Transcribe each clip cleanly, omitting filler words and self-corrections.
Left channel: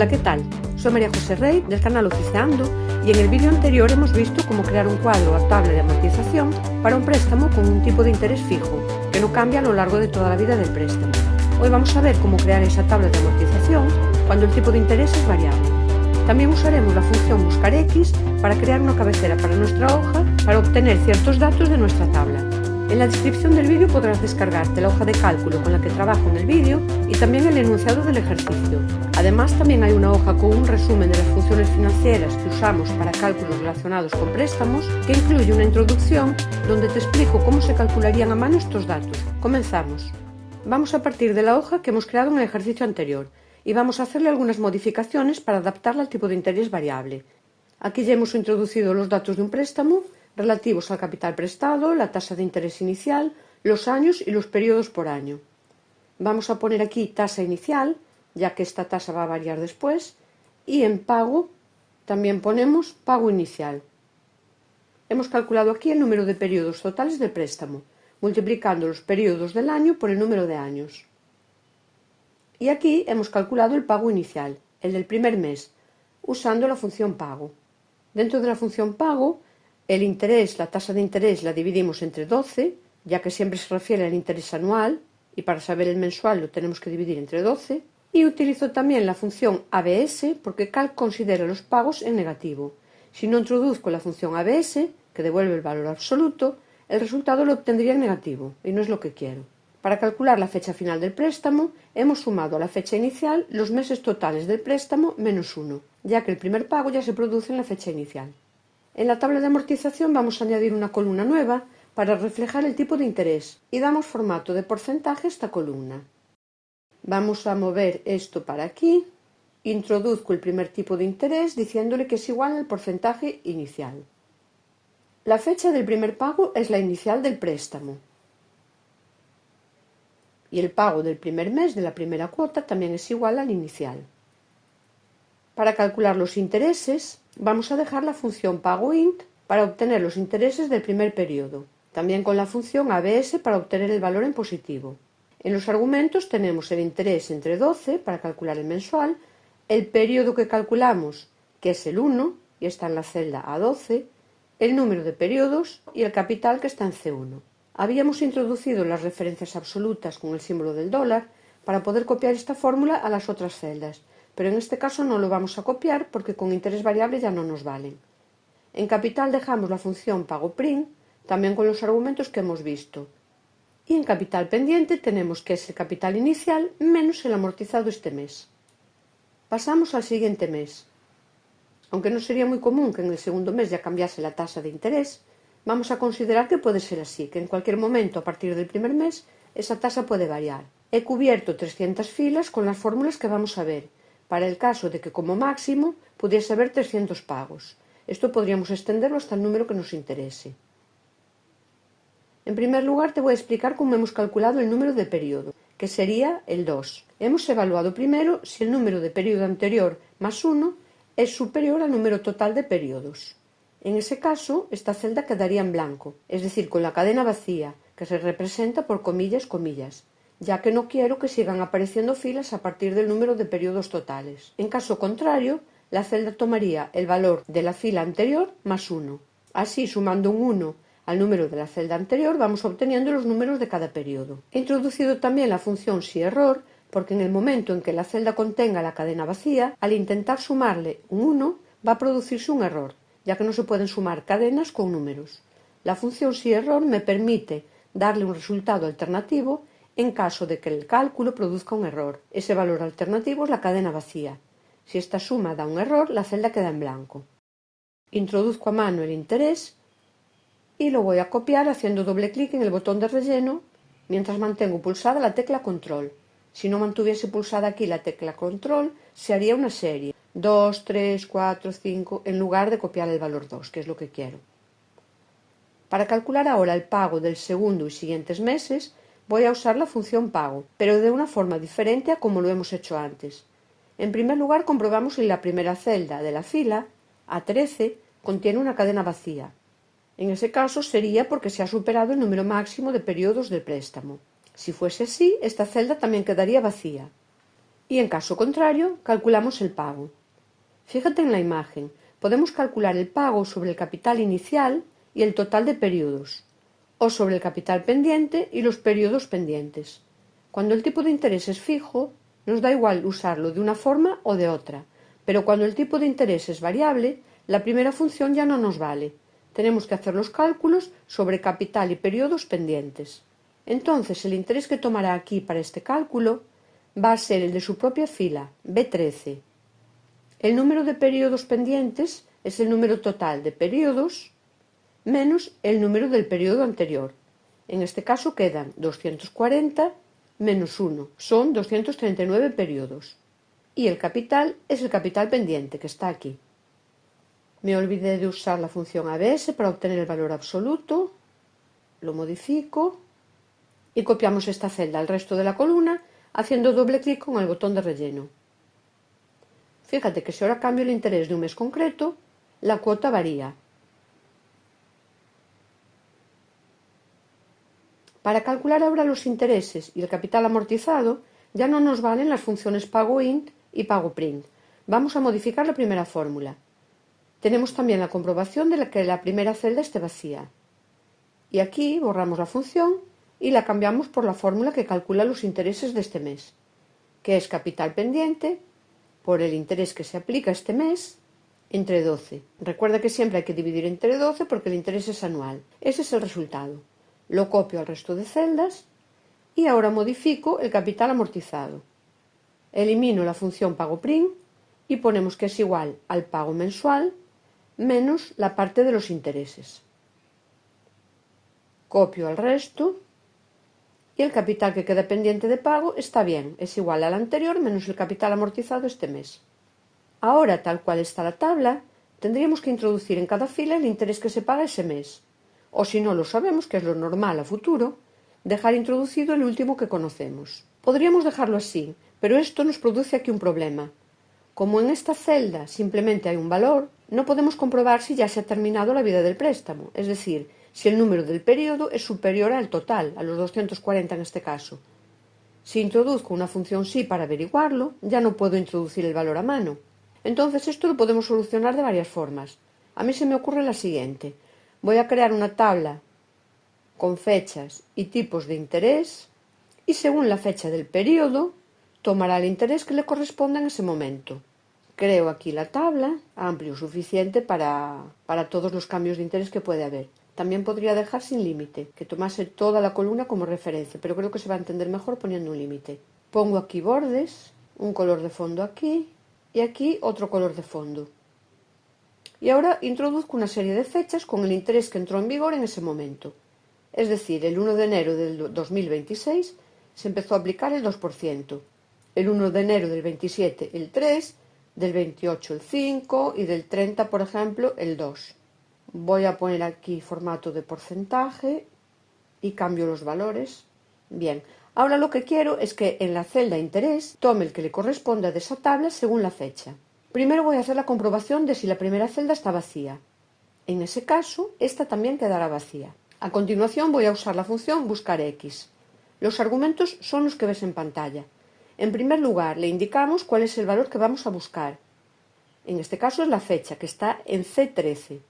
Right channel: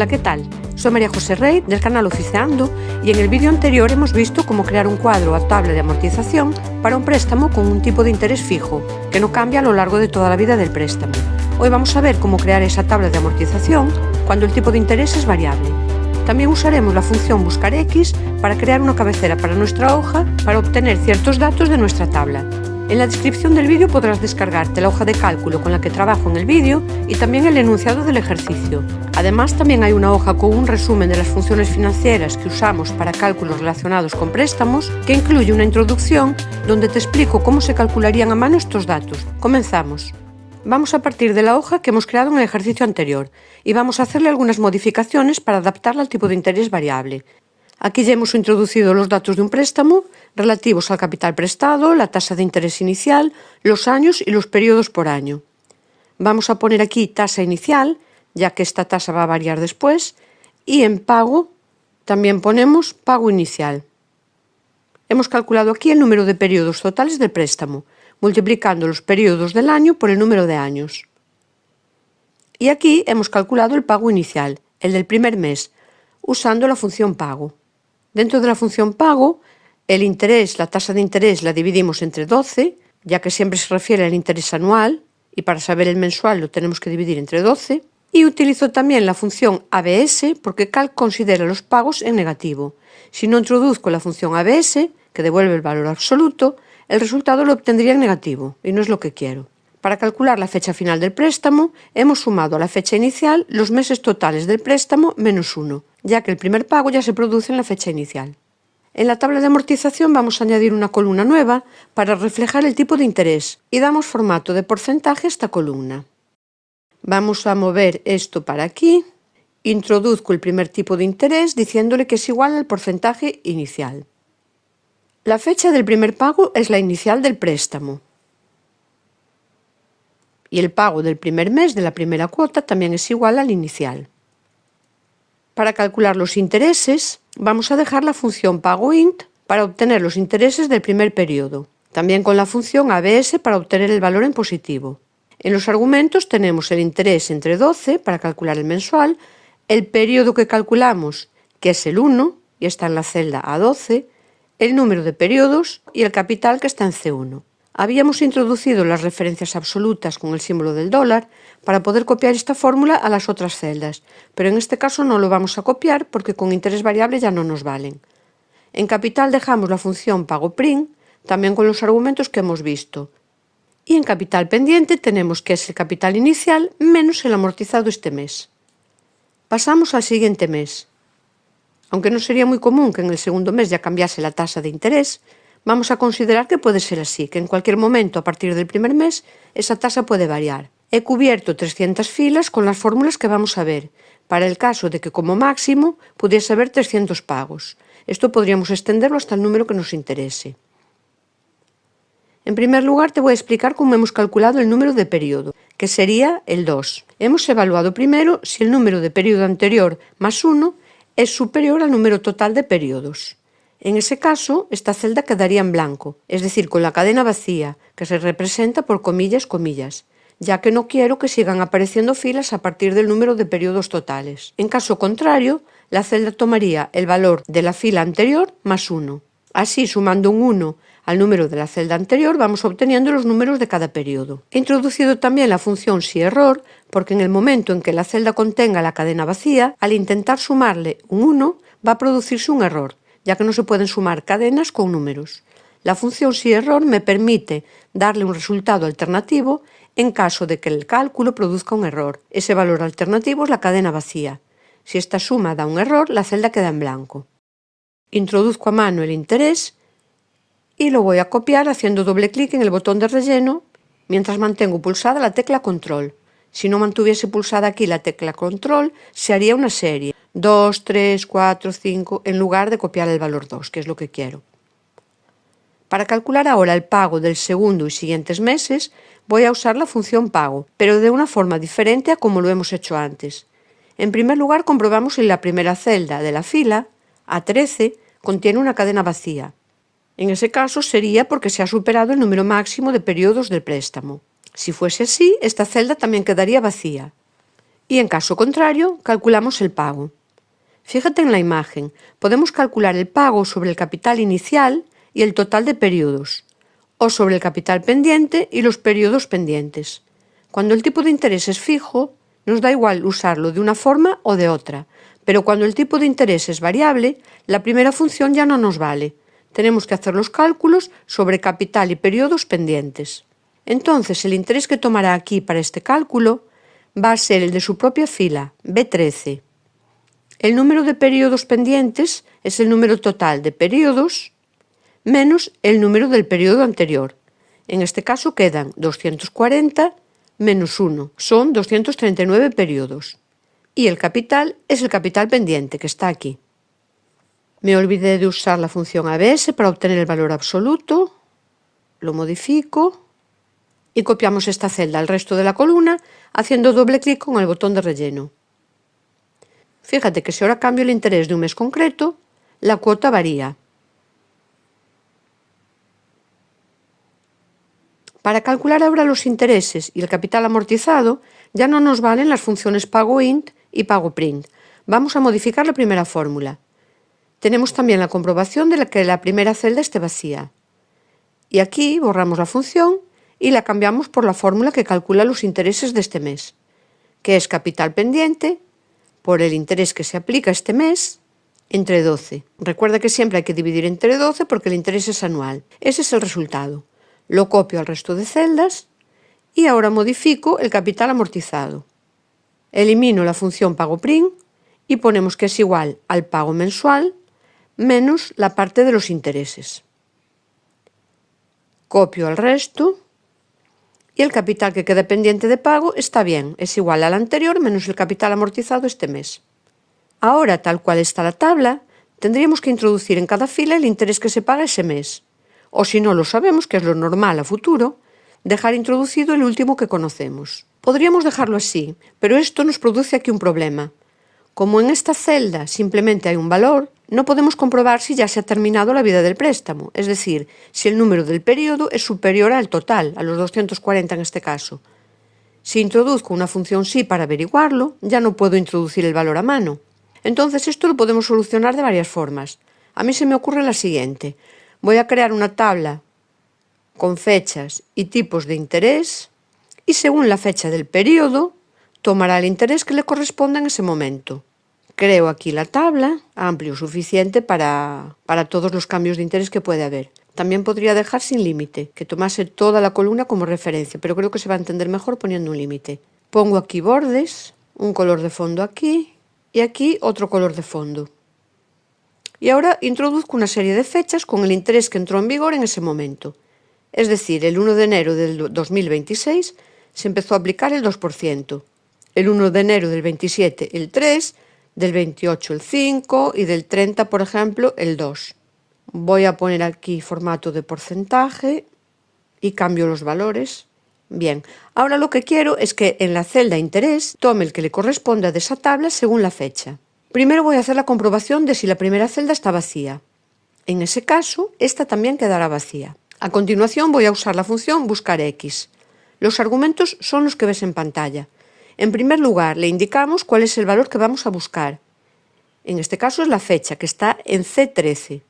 Hola, ¿qué tal? Soy María José Rey del canal Oficiando y en el vídeo anterior hemos visto cómo crear un cuadro o tabla de amortización para un préstamo con un tipo de interés fijo, que no cambia a lo largo de toda la vida del préstamo. Hoy vamos a ver cómo crear esa tabla de amortización cuando el tipo de interés es variable. También usaremos la función buscar X para crear una cabecera para nuestra hoja para obtener ciertos datos de nuestra tabla. En la descripción del vídeo podrás descargarte la hoja de cálculo con la que trabajo en el vídeo y también el enunciado del ejercicio. Además, también hay una hoja con un resumen de las funciones financieras que usamos para cálculos relacionados con préstamos, que incluye una introducción donde te explico cómo se calcularían a mano estos datos. Comenzamos. Vamos a partir de la hoja que hemos creado en el ejercicio anterior y vamos a hacerle algunas modificaciones para adaptarla al tipo de interés variable. Aquí ya hemos introducido los datos de un préstamo relativos al capital prestado, la tasa de interés inicial, los años y los periodos por año. Vamos a poner aquí tasa inicial, ya que esta tasa va a variar después, y en pago también ponemos pago inicial. Hemos calculado aquí el número de periodos totales del préstamo, multiplicando los periodos del año por el número de años. Y aquí hemos calculado el pago inicial, el del primer mes, usando la función pago. Dentro de la función pago, el interés, la tasa de interés la dividimos entre 12, ya que siempre se refiere al interés anual, y para saber el mensual lo tenemos que dividir entre 12. Y utilizo también la función ABS porque Calc considera los pagos en negativo. Si no introduzco la función ABS, que devuelve el valor absoluto, el resultado lo obtendría en negativo, y no es lo que quiero. Para calcular la fecha final del préstamo, hemos sumado a la fecha inicial los meses totales del préstamo menos 1, ya que el primer pago ya se produce en la fecha inicial. En la tabla de amortización vamos a añadir una columna nueva para reflejar el tipo de interés y damos formato de porcentaje a esta columna. Vamos a mover esto para aquí. Introduzco el primer tipo de interés diciéndole que es igual al porcentaje inicial. La fecha del primer pago es la inicial del préstamo. Y el pago del primer mes de la primera cuota también es igual al inicial. Para calcular los intereses, vamos a dejar la función pagoInt para obtener los intereses del primer periodo, también con la función ABS para obtener el valor en positivo. En los argumentos tenemos el interés entre 12 para calcular el mensual, el periodo que calculamos, que es el 1, y está en la celda A12, el número de periodos y el capital, que está en C1. Habíamos introducido las referencias absolutas con el símbolo del dólar para poder copiar esta fórmula a las otras celdas, pero en este caso no lo vamos a copiar porque con interés variable ya no nos valen. En capital dejamos la función pagoPrint, también con los argumentos que hemos visto. Y en capital pendiente tenemos que es el capital inicial menos el amortizado este mes. Pasamos al siguiente mes. Aunque no sería muy común que en el segundo mes ya cambiase la tasa de interés, vamos a considerar que puede ser así, que en cualquier momento a partir del primer mes esa tasa puede variar. He cubierto 300 filas con las fórmulas que vamos a ver, para el caso de que como máximo pudiese haber 300 pagos. Esto podríamos extenderlo hasta el número que nos interese. En primer lugar te voy a explicar cómo hemos calculado el número de periodo, que sería el 2. Hemos evaluado primero si el número de periodo anterior más 1 es superior al número total de periodos. En ese caso, esta celda quedaría en blanco, es decir, con la cadena vacía, que se representa por comillas, comillas, ya que no quiero que sigan apareciendo filas a partir del número de periodos totales. En caso contrario, la celda tomaría el valor de la fila anterior más 1. Así, sumando un 1 al número de la celda anterior, vamos obteniendo los números de cada periodo. He introducido también la función siError, porque en el momento en que la celda contenga la cadena vacía, al intentar sumarle un 1, va a producirse un error, ya que no se pueden sumar cadenas con números. La función siError me permite darle un resultado alternativo en caso de que el cálculo produzca un error. Ese valor alternativo es la cadena vacía. Si esta suma da un error, la celda queda en blanco. Introduzco a mano el interés y lo voy a copiar haciendo doble clic en el botón de relleno mientras mantengo pulsada la tecla control. Si no mantuviese pulsada aquí la tecla control, se haría una serie 2, 3, 4, 5 en lugar de copiar el valor 2, que es lo que quiero. Para calcular ahora el pago del segundo y siguientes meses, voy a usar la función pago, pero de una forma diferente a como lo hemos hecho antes. En primer lugar, comprobamos si la primera celda de la fila, A13, contiene una cadena vacía. En ese caso sería porque se ha superado el número máximo de periodos del préstamo. Si fuese así, esta celda también quedaría vacía. Y en caso contrario, calculamos el pago. Fíjate en la imagen, podemos calcular el pago sobre el capital inicial y el total de periodos, o sobre el capital pendiente y los periodos pendientes. Cuando el tipo de interés es fijo, nos da igual usarlo de una forma o de otra, pero cuando el tipo de interés es variable, la primera función ya no nos vale. Tenemos que hacer los cálculos sobre capital y periodos pendientes. Entonces, el interés que tomará aquí para este cálculo va a ser el de su propia fila, B13. El número de periodos pendientes es el número total de periodos menos el número del periodo anterior. En este caso quedan 240 menos 1, son 239 periodos. Y el capital es el capital pendiente, que está aquí. Me olvidé de usar la función ABS para obtener el valor absoluto. Lo modifico y copiamos esta celda al resto de la columna haciendo doble clic con el botón de relleno. Fíjate que si ahora cambio el interés de un mes concreto, la cuota varía. Para calcular ahora los intereses y el capital amortizado, ya no nos valen las funciones pagoInt y pagoPrint. Vamos a modificar la primera fórmula. Tenemos también la comprobación de que la primera celda esté vacía. Y aquí borramos la función y la cambiamos por la fórmula que calcula los intereses de este mes, que es capital pendiente por el interés que se aplica este mes entre 12. Recuerda que siempre hay que dividir entre 12 porque el interés es anual. Ese es el resultado. Lo copio al resto de celdas y ahora modifico el capital amortizado. Elimino la función pagoPrint y ponemos que es igual al pago mensual menos la parte de los intereses. Copio el resto y el capital que queda pendiente de pago está bien, es igual al anterior menos el capital amortizado este mes. Ahora, tal cual está la tabla, tendríamos que introducir en cada fila el interés que se paga ese mes. O si no lo sabemos, que es lo normal a futuro, dejar introducido el último que conocemos. Podríamos dejarlo así, pero esto nos produce aquí un problema. Como en esta celda simplemente hay un valor, no podemos comprobar si ya se ha terminado la vida del préstamo, es decir, si el número del periodo es superior al total, a los 240 en este caso. Si introduzco una función sí para averiguarlo, ya no puedo introducir el valor a mano. Entonces esto lo podemos solucionar de varias formas. A mí se me ocurre la siguiente. Voy a crear una tabla con fechas y tipos de interés y según la fecha del periodo tomará el interés que le corresponda en ese momento. Creo aquí la tabla, amplio suficiente para todos los cambios de interés que puede haber. También podría dejar sin límite, que tomase toda la columna como referencia, pero creo que se va a entender mejor poniendo un límite. Pongo aquí bordes, un color de fondo aquí y aquí otro color de fondo. Y ahora introduzco una serie de fechas con el interés que entró en vigor en ese momento. Es decir, el 1 de enero del 2026 se empezó a aplicar el 2%, el 1 de enero del 27 el 3%, del 28 el 5% y del 30, por ejemplo, el 2%. Voy a poner aquí formato de porcentaje y cambio los valores. Bien, ahora lo que quiero es que en la celda interés tome el que le corresponda de esa tabla según la fecha. Primero voy a hacer la comprobación de si la primera celda está vacía. En ese caso, esta también quedará vacía. A continuación voy a usar la función buscar X. Los argumentos son los que ves en pantalla. En primer lugar, le indicamos cuál es el valor que vamos a buscar. En este caso es la fecha, que está en C13.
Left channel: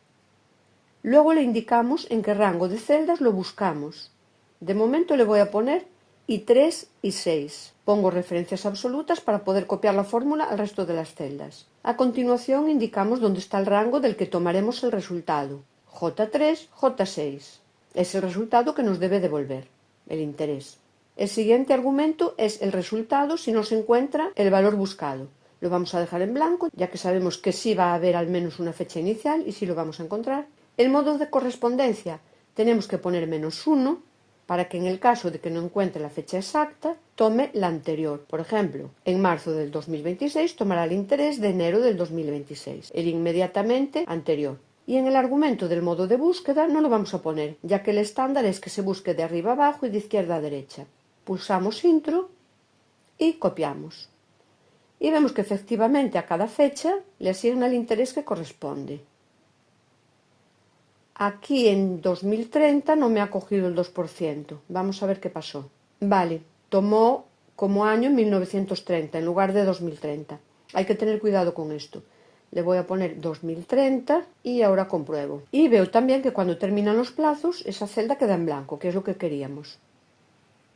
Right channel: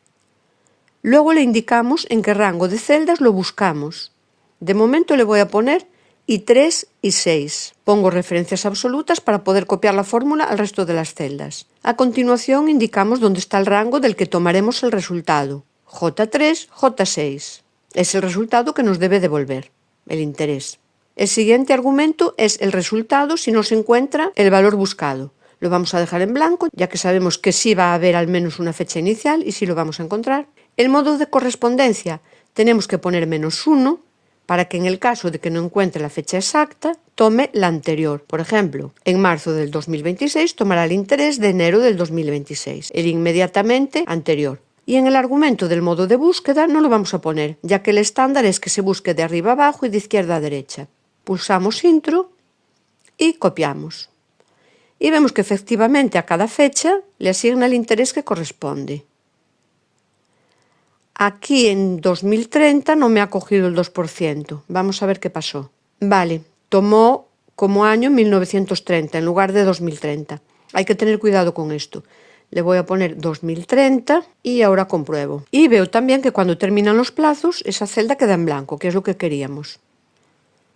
Luego le indicamos en qué rango de celdas lo buscamos. De momento le voy a poner I3 y 6. Pongo referencias absolutas para poder copiar la fórmula al resto de las celdas. A continuación indicamos dónde está el rango del que tomaremos el resultado. J3, J6. Es el resultado que nos debe devolver, el interés. El siguiente argumento es el resultado si no se encuentra el valor buscado. Lo vamos a dejar en blanco, ya que sabemos que sí va a haber al menos una fecha inicial y sí lo vamos a encontrar. El modo de correspondencia tenemos que poner -1 para que en el caso de que no encuentre la fecha exacta, tome la anterior. Por ejemplo, en marzo del 2026 tomará el interés de enero del 2026, el inmediatamente anterior. Y en el argumento del modo de búsqueda no lo vamos a poner, ya que el estándar es que se busque de arriba a abajo y de izquierda a derecha. Pulsamos Intro y copiamos. Y vemos que efectivamente a cada fecha le asigna el interés que corresponde. Aquí en 2030 no me ha cogido el 2%. Vamos a ver qué pasó. Vale, tomó como año 1930 en lugar de 2030. Hay que tener cuidado con esto. Le voy a poner 2030 y ahora compruebo. Y veo también que cuando terminan los plazos, esa celda queda en blanco, que es lo que queríamos.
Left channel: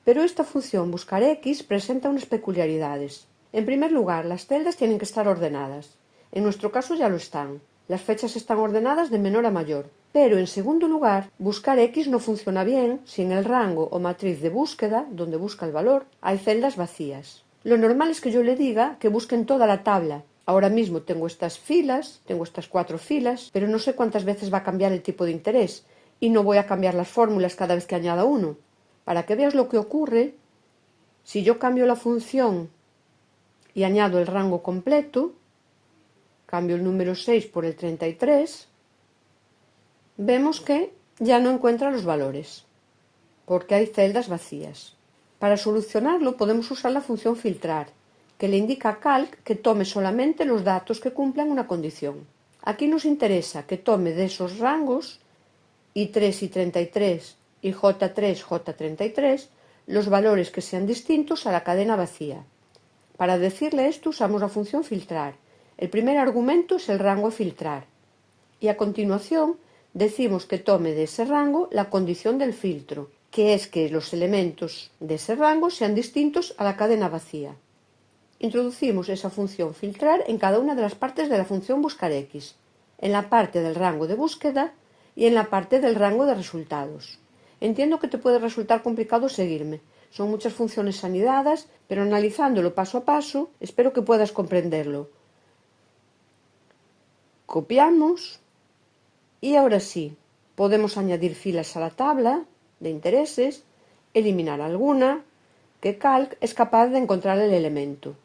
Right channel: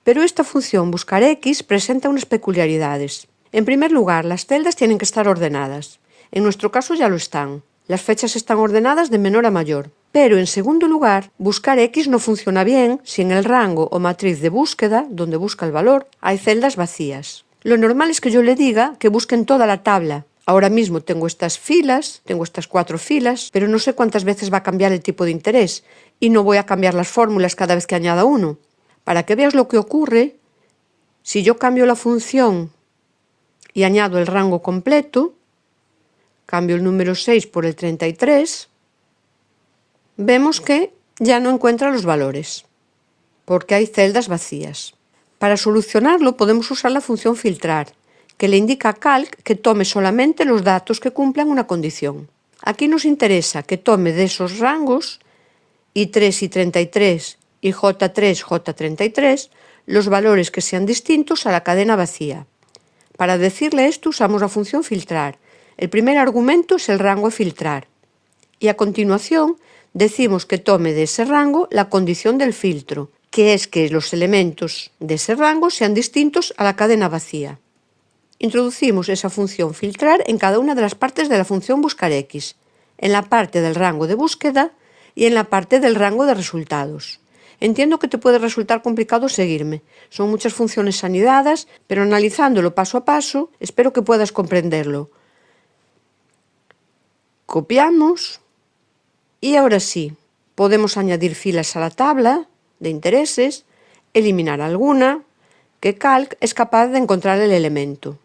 Pero esta función buscar X presenta unas peculiaridades. En primer lugar, las celdas tienen que estar ordenadas. En nuestro caso ya lo están. Las fechas están ordenadas de menor a mayor. Pero en segundo lugar, buscar X no funciona bien si en el rango o matriz de búsqueda, donde busca el valor, hay celdas vacías. Lo normal es que yo le diga que busque en toda la tabla. Ahora mismo tengo estas filas, tengo estas 4 filas, pero no sé cuántas veces va a cambiar el tipo de interés y no voy a cambiar las fórmulas cada vez que añada uno. Para que veas lo que ocurre, si yo cambio la función y añado el rango completo, cambio el número 6 por el 33, vemos que ya no encuentra los valores, porque hay celdas vacías. Para solucionarlo podemos usar la función filtrar, que le indica a Calc que tome solamente los datos que cumplan una condición. Aquí nos interesa que tome de esos rangos I3 y 33 y J3, J33 los valores que sean distintos a la cadena vacía. Para decirle esto usamos la función filtrar. El primer argumento es el rango a filtrar y a continuación decimos que tome de ese rango la condición del filtro, que es que los elementos de ese rango sean distintos a la cadena vacía. Introducimos esa función filtrar en cada una de las partes de la función buscar X, en la parte del rango de búsqueda y en la parte del rango de resultados. Entiendo que te puede resultar complicado seguirme. Son muchas funciones anidadas, pero analizándolo paso a paso, espero que puedas comprenderlo. Copiamos y ahora sí, podemos añadir filas a la tabla de intereses, eliminar alguna, que Calc es capaz de encontrar el elemento.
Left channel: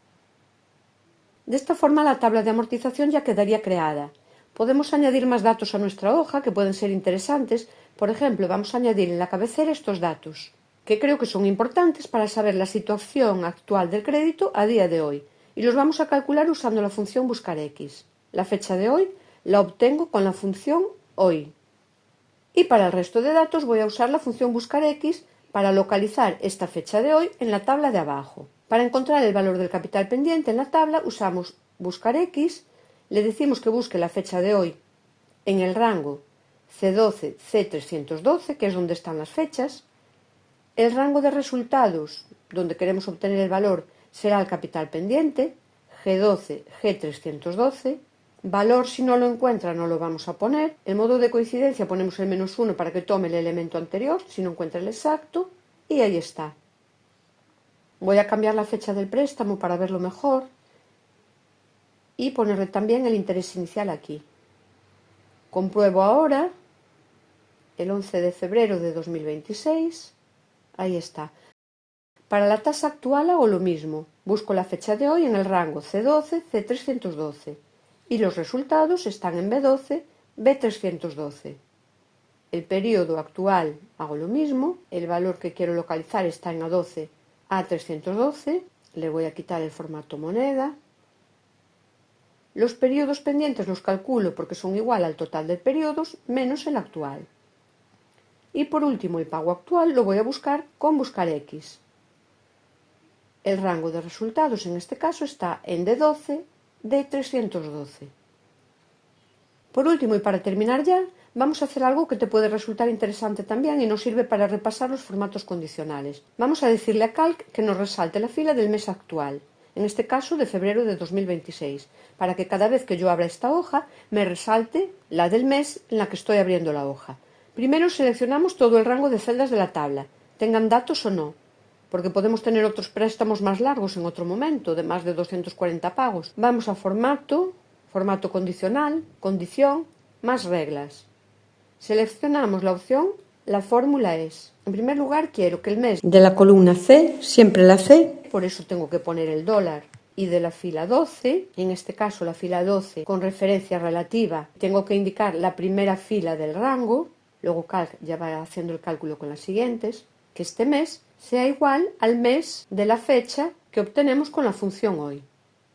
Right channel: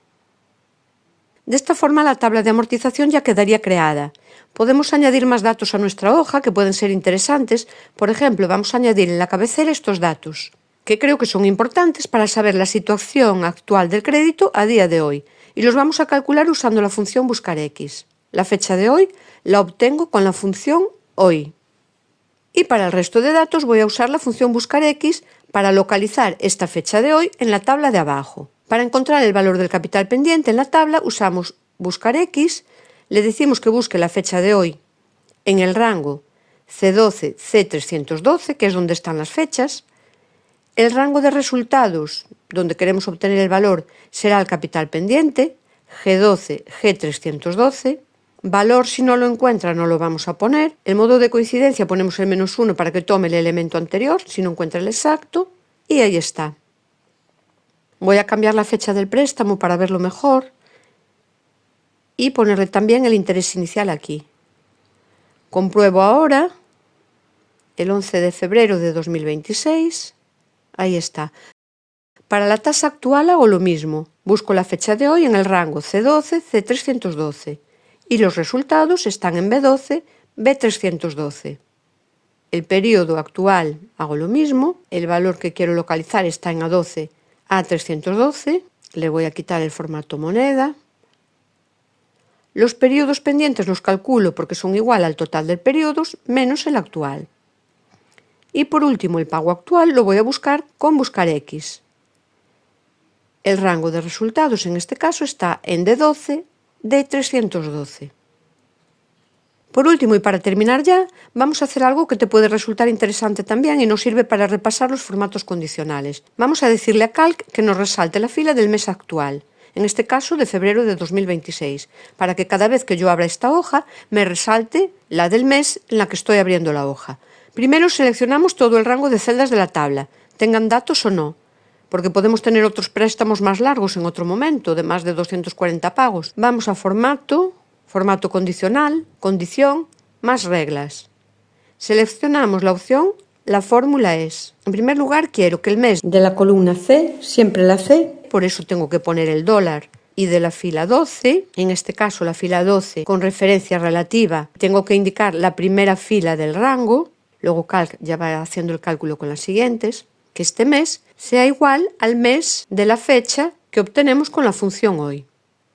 De esta forma la tabla de amortización ya quedaría creada. Podemos añadir más datos a nuestra hoja que pueden ser interesantes. Por ejemplo, vamos a añadir en la cabecera estos datos, que creo que son importantes para saber la situación actual del crédito a día de hoy, y los vamos a calcular usando la función buscar X. La fecha de hoy la obtengo con la función hoy. Y para el resto de datos voy a usar la función buscar X para localizar esta fecha de hoy en la tabla de abajo. Para encontrar el valor del capital pendiente en la tabla usamos buscar X, le decimos que busque la fecha de hoy en el rango C12, C312, que es donde están las fechas. El rango de resultados, donde queremos obtener el valor, será el capital pendiente, G12, G312. Valor, si no lo encuentra, no lo vamos a poner. El modo de coincidencia ponemos el -1 para que tome el elemento anterior, si no encuentra el exacto. Y ahí está. Voy a cambiar la fecha del préstamo para verlo mejor y ponerle también el interés inicial aquí. Compruebo ahora el 11 de febrero de 2026. Ahí está. Para la tasa actual hago lo mismo. Busco la fecha de hoy en el rango C12, C312. Y los resultados están en B12, B312. El periodo actual hago lo mismo. El valor que quiero localizar está en A12, A312. Le voy a quitar el formato moneda. Los periodos pendientes los calculo porque son igual al total de periodos menos el actual. Y por último el pago actual lo voy a buscar con buscar X. El rango de resultados en este caso está en D12, D312. Por último y para terminar ya, vamos a hacer algo que te puede resultar interesante también y nos sirve para repasar los formatos condicionales. Vamos a decirle a Calc que nos resalte la fila del mes actual, en este caso de febrero de 2026, para que cada vez que yo abra esta hoja me resalte la del mes en la que estoy abriendo la hoja. Primero seleccionamos todo el rango de celdas de la tabla, tengan datos o no, porque podemos tener otros préstamos más largos en otro momento, de más de 240 pagos. Vamos a formato condicional, condición, más reglas. Seleccionamos la opción La fórmula es. En primer lugar, quiero que el mes de la columna C, siempre la C, por eso tengo que poner el dólar, y de la fila 12, en este caso la fila 12 con referencia relativa, tengo que indicar la primera fila del rango, luego Calc ya va haciendo el cálculo con las siguientes, que este mes sea igual al mes de la fecha que obtenemos con la función hoy.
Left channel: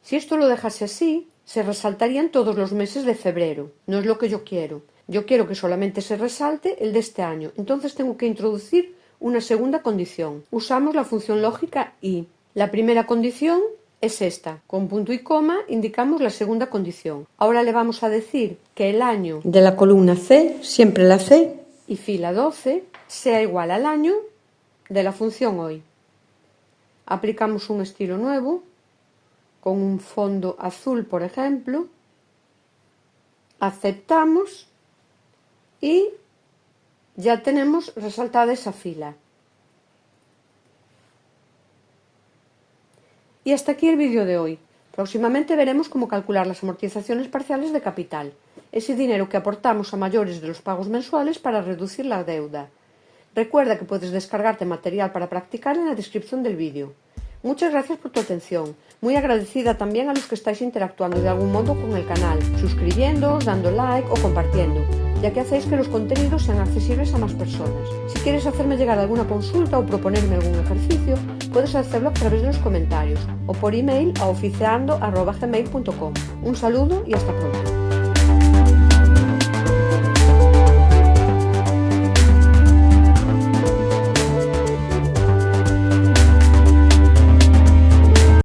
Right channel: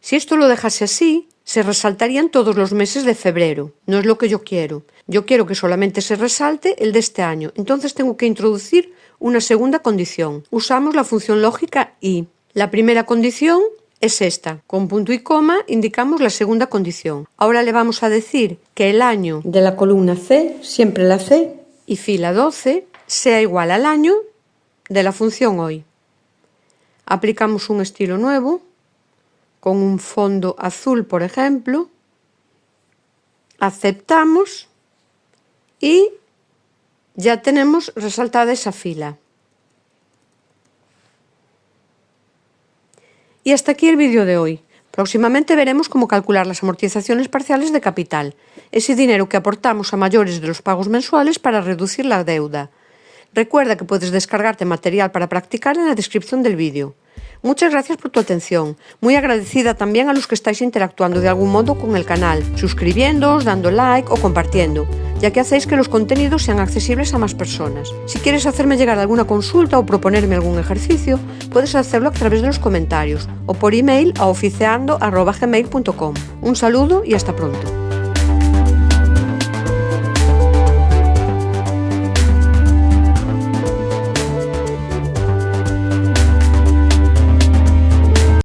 Si esto lo dejase así, se resaltarían todos los meses de febrero. No es lo que yo quiero. Yo quiero que solamente se resalte el de este año. Entonces tengo que introducir una segunda condición. Usamos la función lógica y. La primera condición es esta. Con punto y coma indicamos la segunda condición. Ahora le vamos a decir que el año de la columna C, siempre la C, y fila 12, sea igual al año de la función hoy. Aplicamos un estilo nuevo, con un fondo azul, por ejemplo. Aceptamos y ya tenemos resaltada esa fila. Y hasta aquí el vídeo de hoy. Próximamente veremos cómo calcular las amortizaciones parciales de capital, ese dinero que aportamos a mayores de los pagos mensuales para reducir la deuda. Recuerda que puedes descargarte material para practicar en la descripción del vídeo. Muchas gracias por tu atención. Muy agradecida también a los que estáis interactuando de algún modo con el canal, suscribiéndoos, dando like o compartiendo, ya que hacéis que los contenidos sean accesibles a más personas. Si quieres hacerme llegar alguna consulta o proponerme algún ejercicio, puedes hacerlo a través de los comentarios o por email a oficeando@gmail.com. Un saludo y hasta pronto.